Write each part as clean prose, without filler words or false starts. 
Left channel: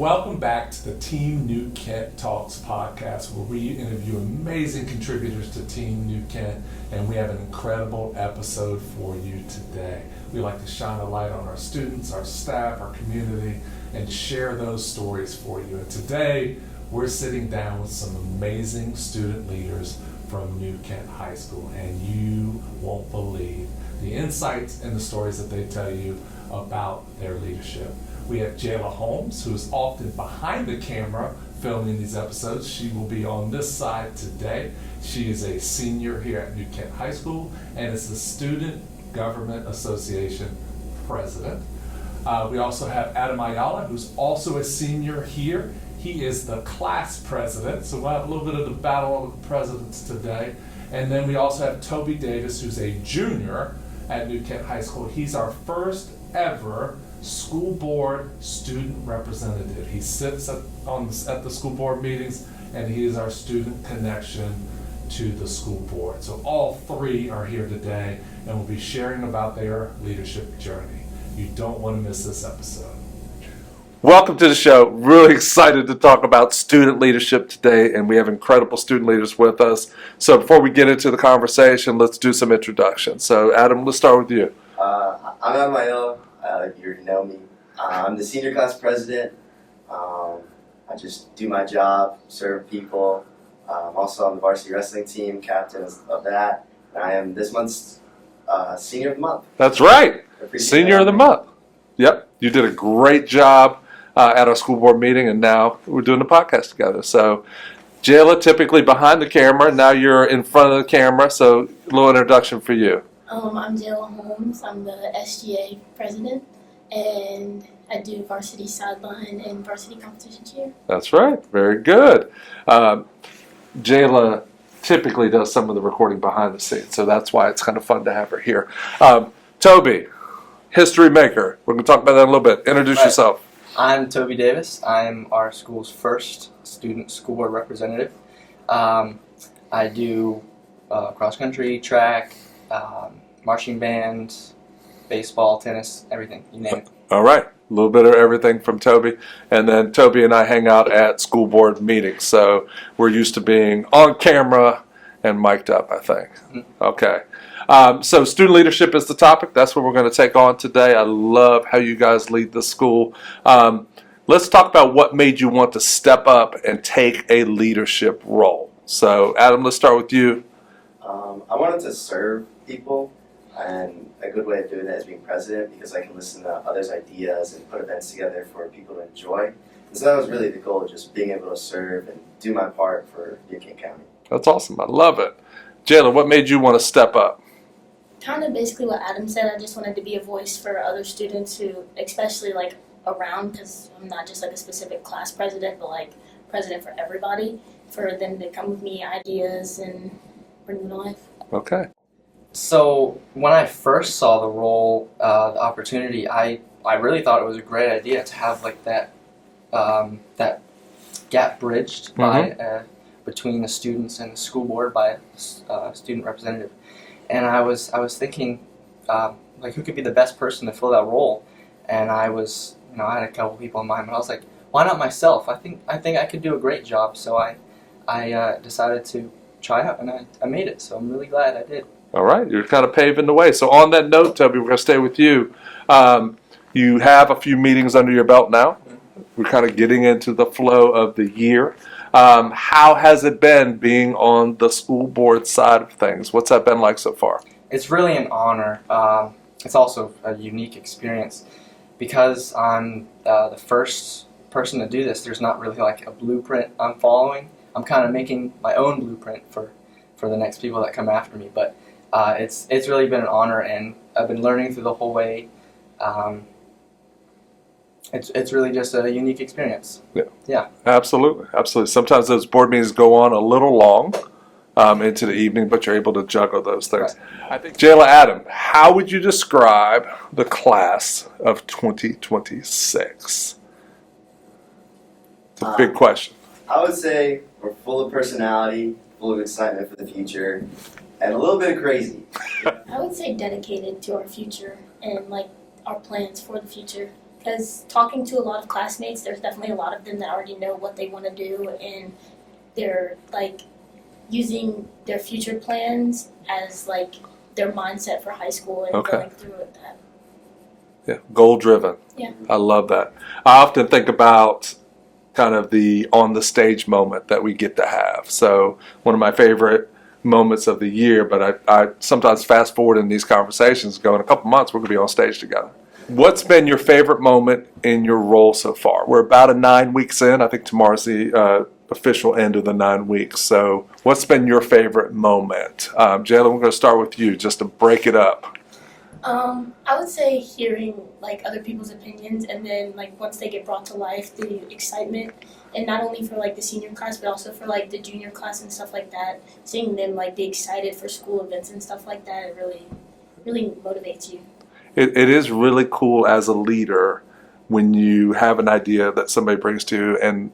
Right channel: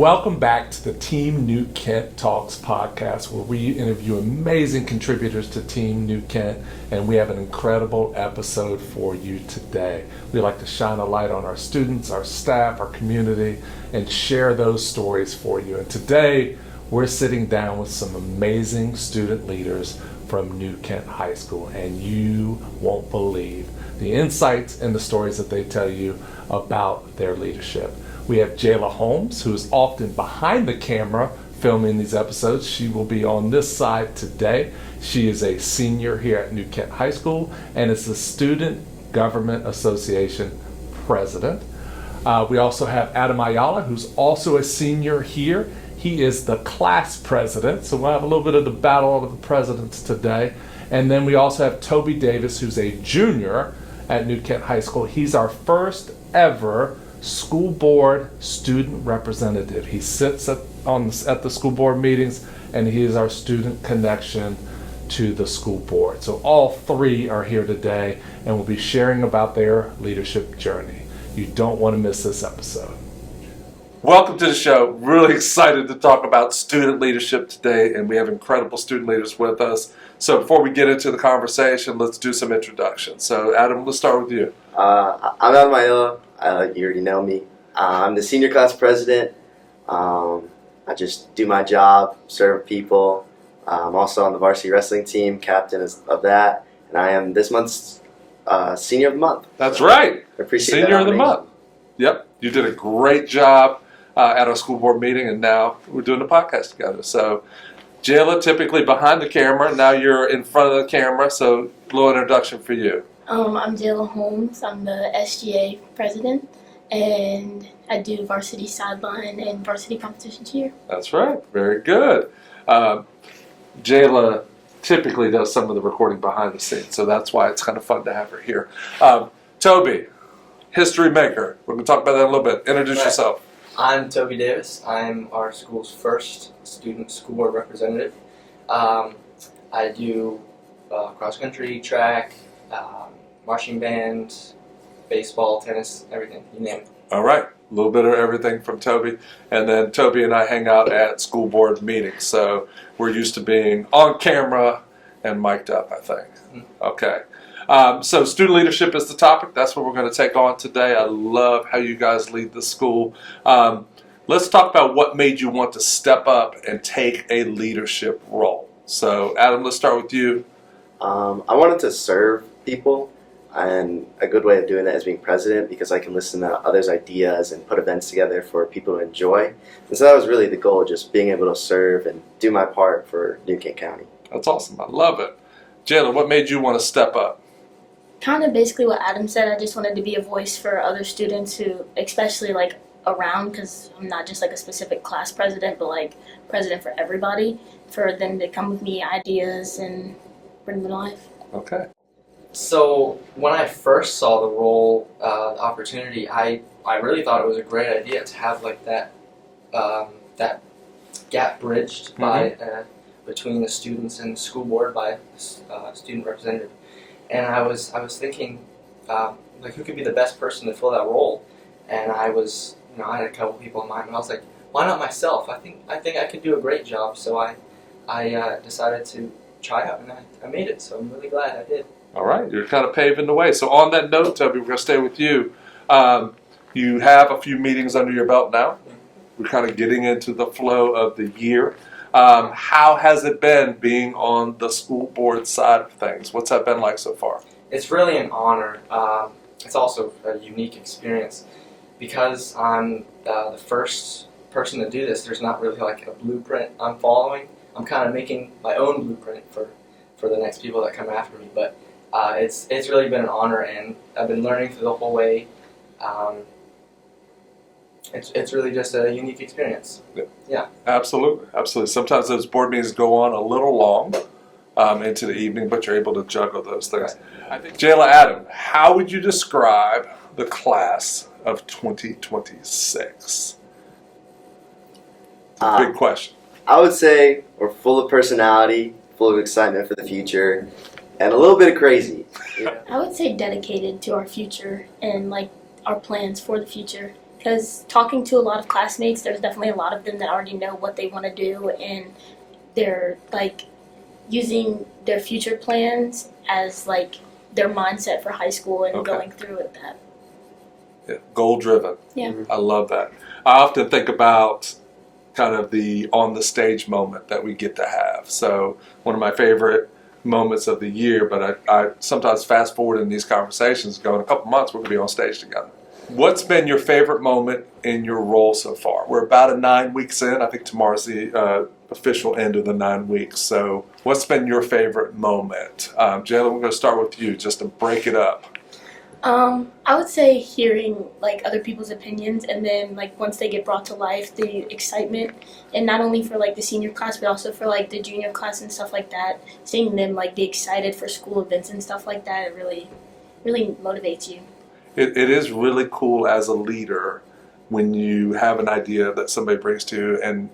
Welcome back to the Team New Kent Talks podcast, where we interview amazing contributors to Team New Kent, and we have an incredible episode for you today. We like to shine a light on our students, our staff, our community, and share those stories for you. And today, we're sitting down with some amazing student leaders from New Kent High School, and you won't believe the insights and the stories that they tell you about their leadership. We have Jayla Holmes, who is often behind the camera filming these episodes. She will be on this side today. She is a senior here at New Kent High School and is the Student Government Association president. We also have Ayala, who's also a senior here. He is the class president, so we'll have a little bit of the battle of the presidents today. And then we also have Tobey Davis, who's a junior at New Kent High School. He's our first ever school board student representative. He sits at the school board meetings, and he is our student connection to the school board. So all three are here today and will be sharing about their leadership journey. You don't want to miss this episode. Welcome to the show. Really excited to talk about student leadership today, and we have incredible student leaders with us. So before we get into the conversation, let's do some introductions. So Adam, let's start with you. I'm Ayala. You already know me. I'm the senior class president. I just do my job, serve people. I'm also on the varsity wrestling team, captain of that, and I am this month's senior of the month. That's right. Senior of the month. Yep. You did a great job at our school board meeting, and now we're doing the podcast together. So Jayla, typically behind the camera, now you're in front of the camera, so a little introduction for you. I'm Jayla Holmes. I'm the SGA president, and I do varsity sideline and varsity competition cheer. That's right. Very good. Jayla typically does some of the recording behind the scenes, so that's why it's kind of fun to have her here. Tobey, history maker. We're going to talk about that in a little bit. Introduce yourself. I'm Tobey Davis. I'm our school's first student school board representative. I do cross-country, track, marching band, baseball, tennis, everything, you name it. All right, a little bit of everything from Tobey. And then Tobey and I hang out at school board meetings, so we're used to being on camera and mic'd up, I think. Okay. So student leadership is the topic. That's what we're going to take on today. I love how you guys lead the school. Let's talk about what made you want to step up and take a leadership role. So Adam, let's start with you. I wanted to serve people, and a good way of doing that is being president, because I can listen to others' ideas and put events together for people to enjoy. And so that was really the goal, just being able to serve and do my part for New Kent County. That's awesome. I love it. Jayla, what made you want to step up? Kind of basically what Adam said. I just wanted to be a voice for other students who, especially like around, because I'm not just like a specific class president, but like president for everybody, for them to come with me ideas and bring them to life. Okay. So when I first saw the role, the opportunity, I really thought it was a great idea to have like that that gap bridged by between the students and the school board by a student representative. And I was thinking like who could be the best person to fill that role, and I had a couple people in mind, but I was like, why not myself? I think I could do a great job. So I decided to try out, and I made it. So I'm really glad I did. All right, you're kind of paving the way. So on that note, Tobey, we're going to stay with you. You have a few meetings under your belt now. We're kind of getting into the flow of the year. How has it been being on the school board side of things? What's that been like so far? It's really an honor. It's also a unique experience because I'm the first person to do this. There's not really like a blueprint I'm following. I'm kind of making my own blueprint for the next people that come after me. But it's really been an honor, and I've been learning through the whole way. It's really just a unique experience. Yeah. Absolutely. Sometimes those board meetings go on a little long into the evening, but you're able to juggle those things. Right. I think, Jayla, Adam, how would you describe the class of 2026? It's a big question. I would say we're full of personality, full of excitement for the future, and a little bit of crazy. I would say dedicated to our future and like our plans for the future. because talking to a lot of classmates, there's definitely a lot of them that already know what they want to do, and they're like using their future plans as like their mindset for high school and Okay. going through with that. Yeah, goal driven. Yeah. I love that. I often think about kind of the on the stage moment that we get to have. So one of my favorite moments of the year, but I sometimes fast forward in these conversations, go in a couple months, we're going to be on stage together. What's been your favorite moment in your role so far? We're about 9 weeks in. I think tomorrow's the official end of the 9 weeks. So what's been your favorite moment? Jayla, we're going to start with you just to break it up. I would say hearing like other people's opinions, and then like once they get brought to life, the excitement, and not only for like the senior class, but also for like the junior class and stuff like that. Seeing them like be excited for school events and stuff like that, it really motivates you. It is really cool as a leader when you have an idea that somebody brings to you and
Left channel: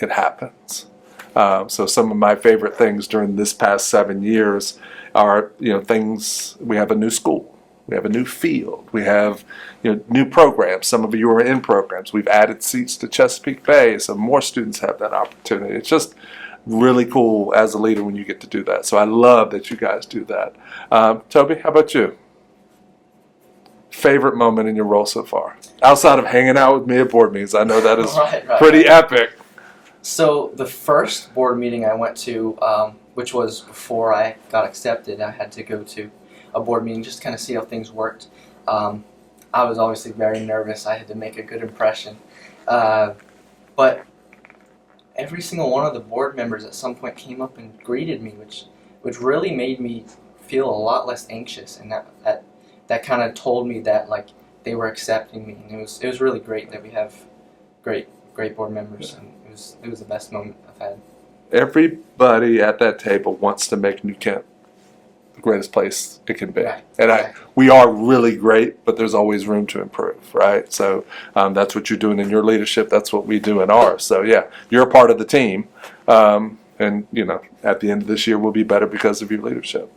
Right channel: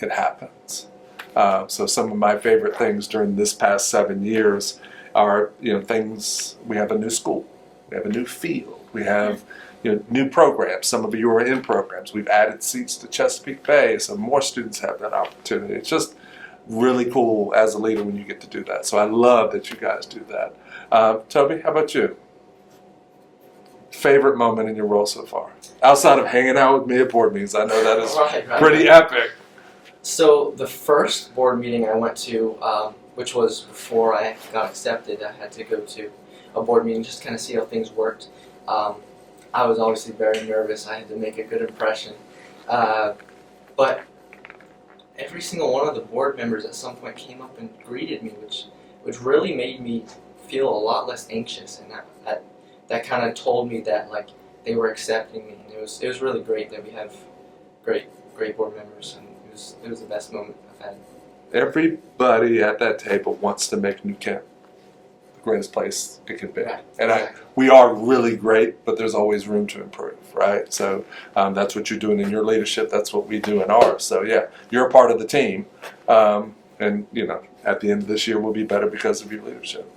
it happens. So some of my favorite things during this past 7 years are, things. We have a new school. We have a new field. We have, new programs. Some of you are in programs. We've added seats to Chesapeake Bay, so more students have that opportunity. It's just really cool as a leader when you get to do that. So I love that you guys do that. Tobey, how about you? Favorite moment in your role so far? Outside of hanging out with me at board meetings. I know that is pretty epic. So the first board meeting I went to, which was before I got accepted, I had to go to a board meeting just to kind of see how things worked. I was obviously very nervous. I had to make a good impression. But every single one of the board members at some point came up and greeted me, which really made me feel a lot less anxious, and that kind of told me that like they were accepting me. And it was really great that we have great board members, and it was the best moment I've had. Everybody at that table wants to make New Kent the greatest place it can be. Right. And we are really great, but there's always room to improve, right? So that's what you're doing in your leadership. That's what we do in ours. So yeah, you're a part of the team. And at the end of this year, we'll be better because of your leadership.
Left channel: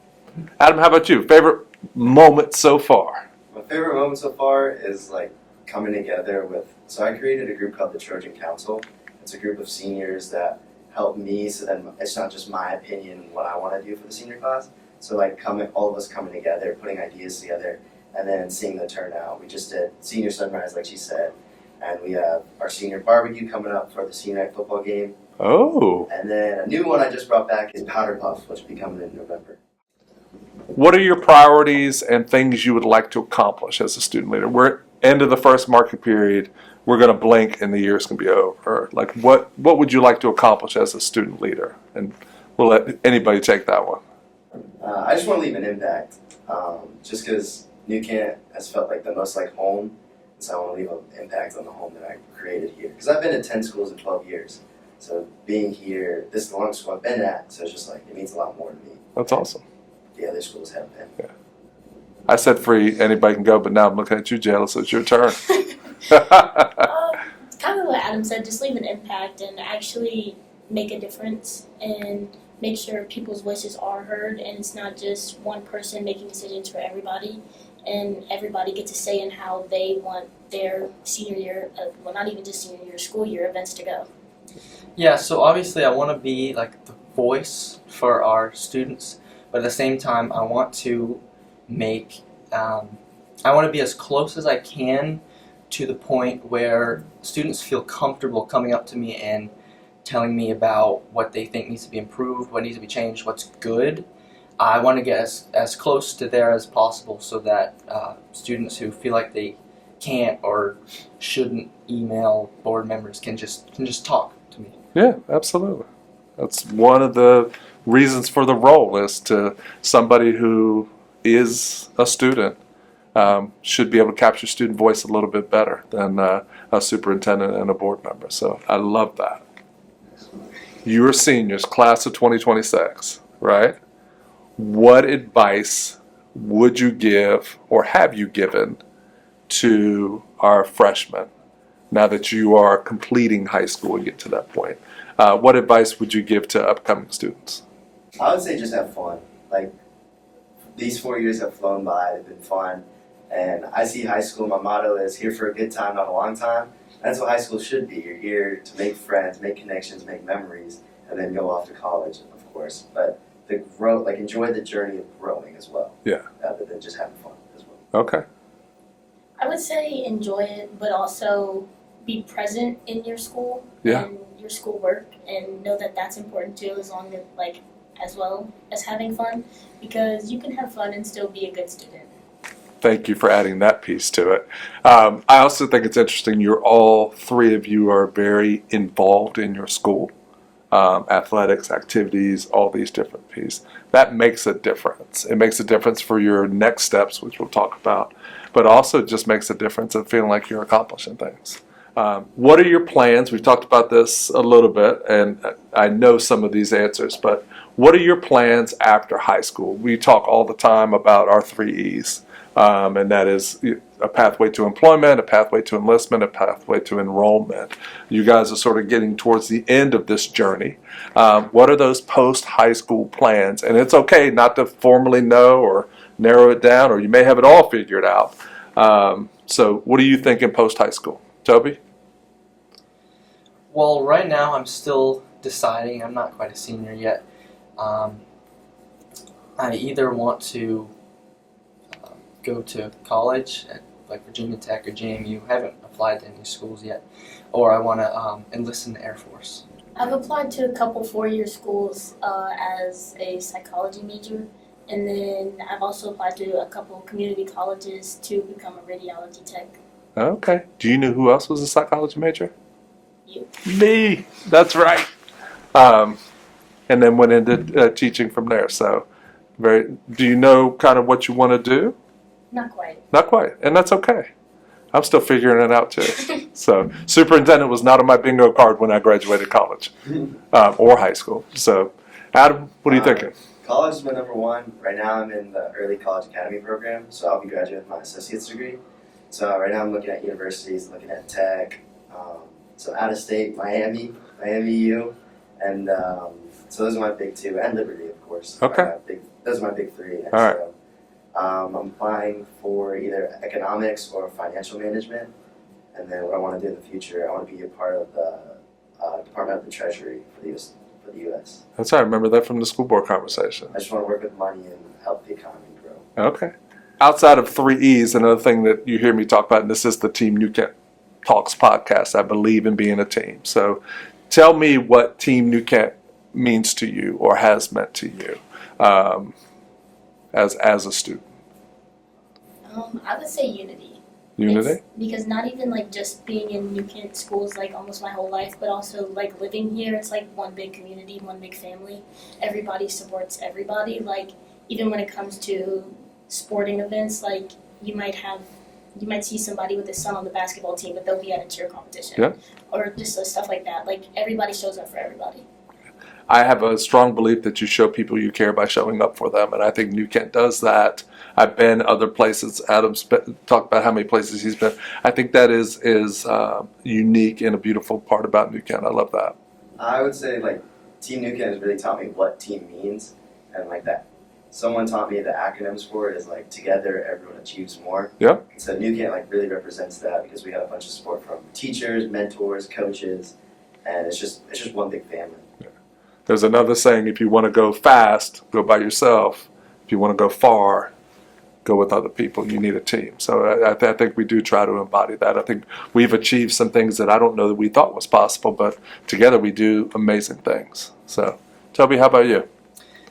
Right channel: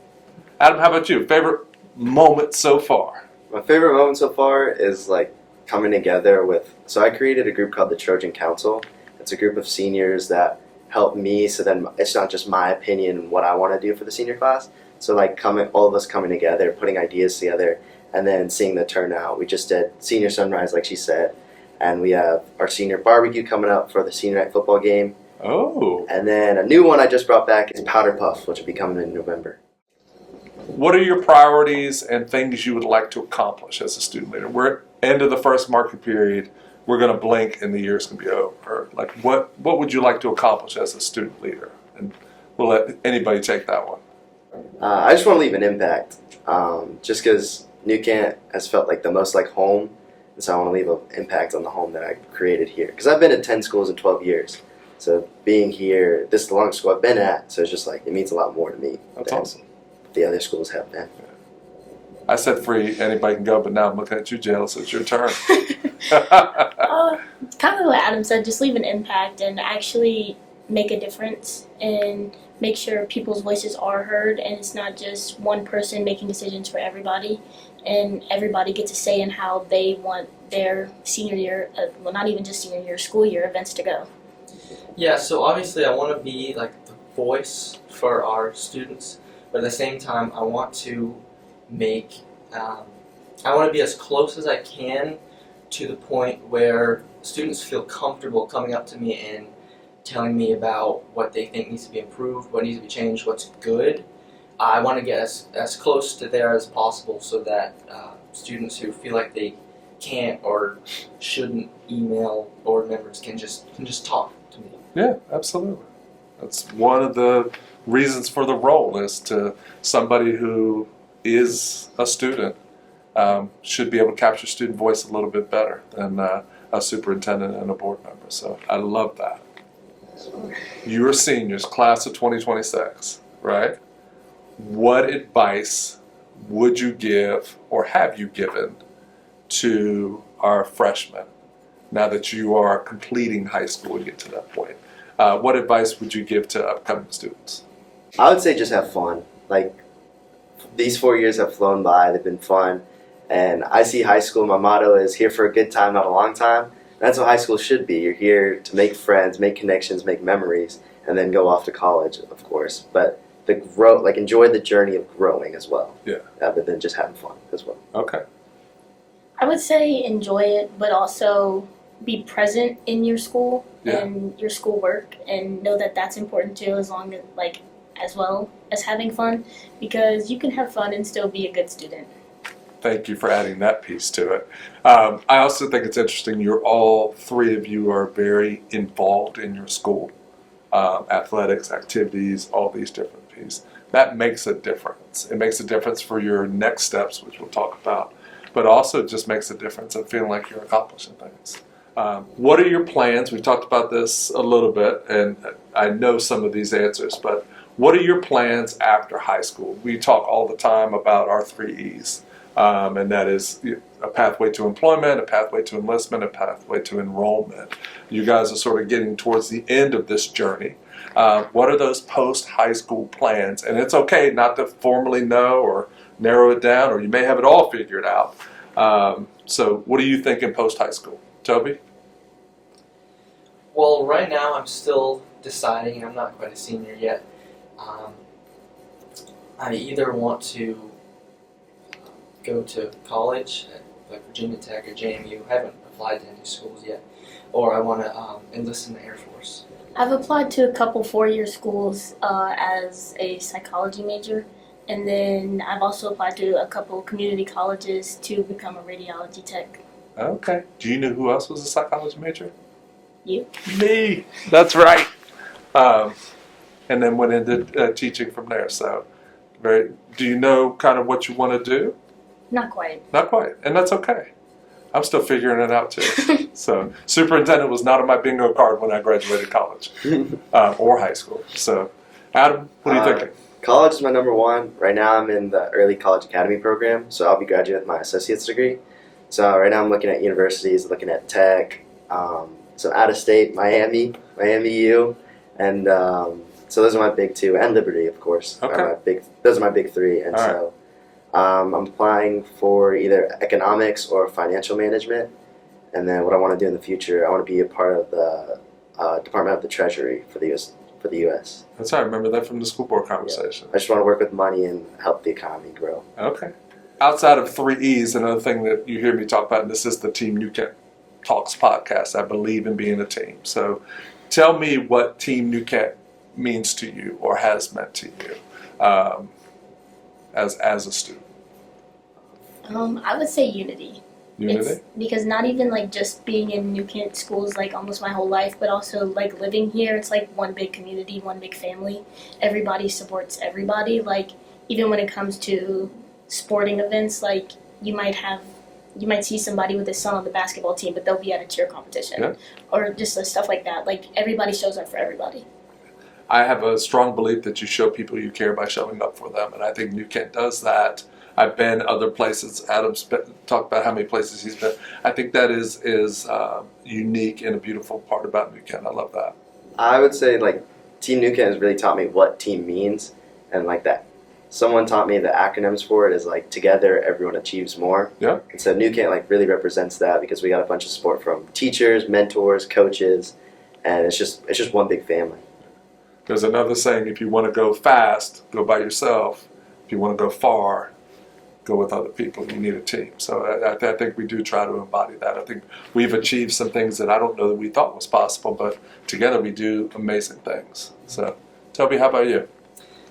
Adam, how about you? Favorite moment so far? My favorite moment so far is like coming together so I created a group called the Trojan Council. It's a group of seniors that help me, so then it's not just my opinion and what I want to do for the senior class. So like all of us coming together, putting ideas together, and then seeing the turnout. We just did senior sunrise, like she said, and we have our senior barbecue coming up for the senior night football game. Oh. And then a new one I just brought back is Powder Puff, which will be coming in November. What are your priorities and things you would like to accomplish as a student leader? We're end of the first market period. We're going to blink and the year's going to be over. Like what would you like to accomplish as a student leader? And we'll let anybody take that one. I just want to leave an impact, just because New Kent has felt like the most like home, and so I want to leave an impact on the home that I created here. Because I've been at 10 schools in 12 years, so being here, this is the longest school I've been at, so it's just like, it means a lot more to me. That's awesome. The other schools have been. Yeah. I said free, anybody can go, but now I'm looking at you, Jayla, so it's your turn. Kind of what Adam said, just leave an impact and actually make a difference and make sure people's voices are heard, and it's not just one person making decisions for everybody, and everybody gets a say in how they want their senior year, well, not even just senior year, school year events to go. Yeah, so obviously I want to be like the voice for our students, but at the same time I want to I want to be as close as I can to the point where students feel comfortable coming up to me and telling me about what they think needs to be improved, what needs to be changed, what's good. I want to get as close to there as possible so that students who feel like they can't or shouldn't email board members can just talk to me. Yeah, absolutely. That's one of the reasons for the role, is to somebody who is a student should be able to capture student voice a little bit better than a superintendent and a board member. So I love that. You're seniors, class of 2026, right? What advice would you give or have you given to our freshmen now that you are completing high school and get to that point? What advice would you give to upcoming students? I would say just have fun. Like, these 4 years have flown by, they've been fun. And I see high school, my motto is here for a good time, not a long time. That's what high school should be. You're here to make friends, make connections, make memories, and then go off to college, of course. But enjoy the journey of growing as well. Yeah. Rather than just having fun as well. Okay. I would say enjoy it, but also be present in your school Yeah. and your schoolwork, and know that that's important too, as well as having fun, because you can have fun and still be a good student. Thank you for adding that piece to it. I also think it's interesting. All three of you are very involved in your school, athletics, activities, all these different pieces. That makes a difference. It makes a difference for your next steps, which we'll talk about, but also just makes a difference of feeling like you're accomplishing things. What are your plans? We've talked about this a little bit, and I know some of these answers, but what are your plans after high school? We talk all the time about our 3 E's. And that is a pathway to employment, a pathway to enlistment, a pathway to enrollment. You guys are sort of getting towards the end of this journey. What are those post-high school plans? And it's okay not to formally know or narrow it down, or you may have it all figured out. So what are you thinking post-high school? Tobey? Well, right now I'm still deciding. I'm not quite a senior yet. I either want to go to college at like Virginia Tech or JMU. Haven't applied to any schools yet, or I want to enlist in the Air Force. I've applied to a couple four-year schools as a psychology major, and then I've also applied to a couple community colleges to become a radiology tech. Okay. Do you know who else was a psychology major? You? Me. That's right. And then went into teaching from there. So, do you know kind of what you want to do? Not quite. Not quite, and that's okay. I'm still figuring it out too. So, superintendent was not on my bingo card when I graduated college or high school. So, Adam, what are you thinking? College is my number one. Right now I'm in the early college academy program, so I'll be graduating with my associate's degree. So right now I'm looking at universities, looking at tech, so out of state, Miami U, and so those are my big two, and Liberty, of course. Okay. Those are my big three, and All right. so I'm applying for either economics or financial management, and then what I want to do in the future, I want to be a part of the Department of the Treasury for the U.S. That's right. I remember that from the school board conversation. I just want to work with money and help the economy grow. Okay. Outside of 3 E's, another thing that you hear me talk about, and this is the Team New Kent Talks podcast, I believe in being a team. So tell me what Team New Kent means to you or has meant to you as a student. I would say unity. Unity? Because not even like just being in New Kent schools like almost my whole life, but also like living here, it's like one big community, one big family. Everybody supports everybody. Like even when it comes to sporting events, like you might see somebody with a son on the basketball team, but they'll be at a cheer competition. Yeah. Or just stuff like that. Like everybody shows up for everybody. I have a strong belief that you show people you care by showing up for them, and I think New Kent does that. I've been other places. Adam's talked about how many places he's been. I think that is unique and a beautiful part about New Kent. I love that. I would say like Team New Kent has really taught me what team means, and like that. Someone taught me the acronyms for it is like together everyone achieves more. Yeah. And so New Kent like really represents that because we got a bunch of support from teachers, mentors, coaches, and it's just one big family. There's another saying: if you want to go fast, go by yourself. If you want to go far, go with other people. You need a team. So I think we do try to embody that. I think we've achieved some things that I don't know that we thought was possible, but together we do amazing things. So, Tobey, how about you?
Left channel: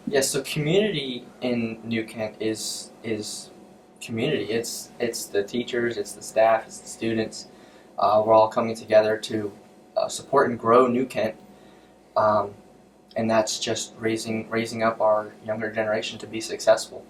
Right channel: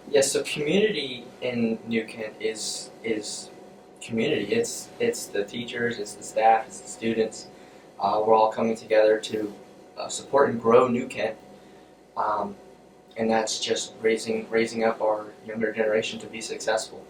Yeah, so community in New Kent is community. It's the teachers, it's the staff, it's the students. We're all coming together to support and grow New Kent, and that's just raising up our younger generation to be successful.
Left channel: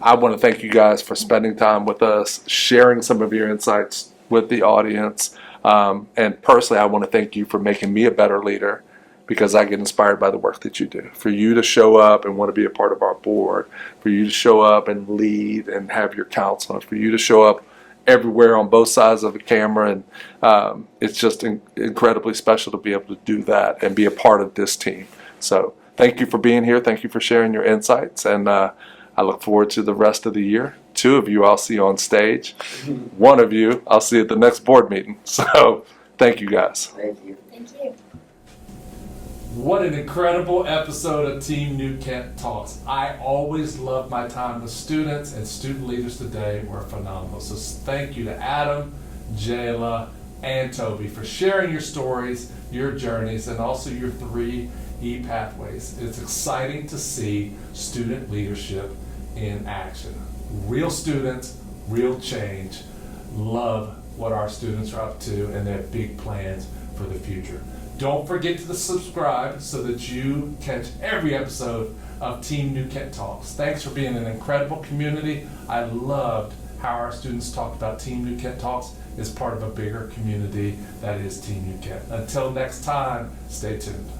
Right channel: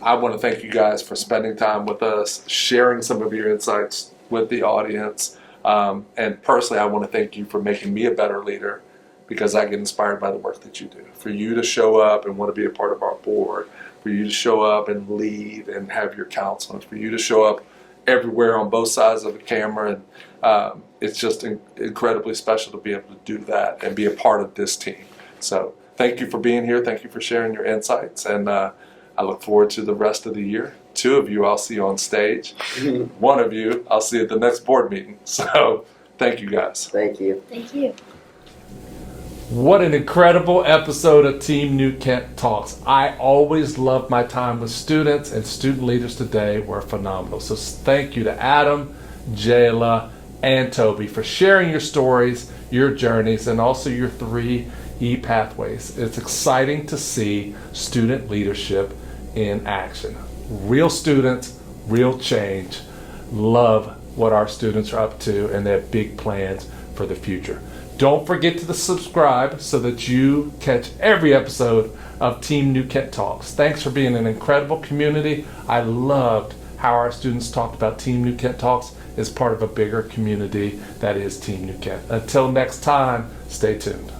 I want to thank you guys for spending time with us, sharing some of your insights with the audience, and personally, I want to thank you for making me a better leader, because I get inspired by the work that you do. For you to show up and want to be a part of our board, for you to show up and lead and have your counsel, for you to show up everywhere on both sides of the camera, and it's just incredibly special to be able to do that and be a part of this team. So thank you for being here. Thank you for sharing your insights, and I look forward to the rest of the year 2 of you I'll see on stage. 1 of you I'll see at the next board meeting. So thank you guys. Thank you. Thank you. What an incredible episode of Team New Kent Talks. I always love my time with students, and student leaders today were phenomenal. So thank you to Adam, Jayla, and Tobey for sharing your stories, your journeys, and also your 3 pathways. It's exciting to see student leadership in action. Real students, real change. Love what our students are up to, and they have big plans for the future. Don't forget to subscribe so that you catch every episode of Team New Kent Talks. Thanks for being an incredible community. I loved how our students talked about Team New Kent Talks as part of a bigger community that is Team New Kent. Until next time, stay tuned.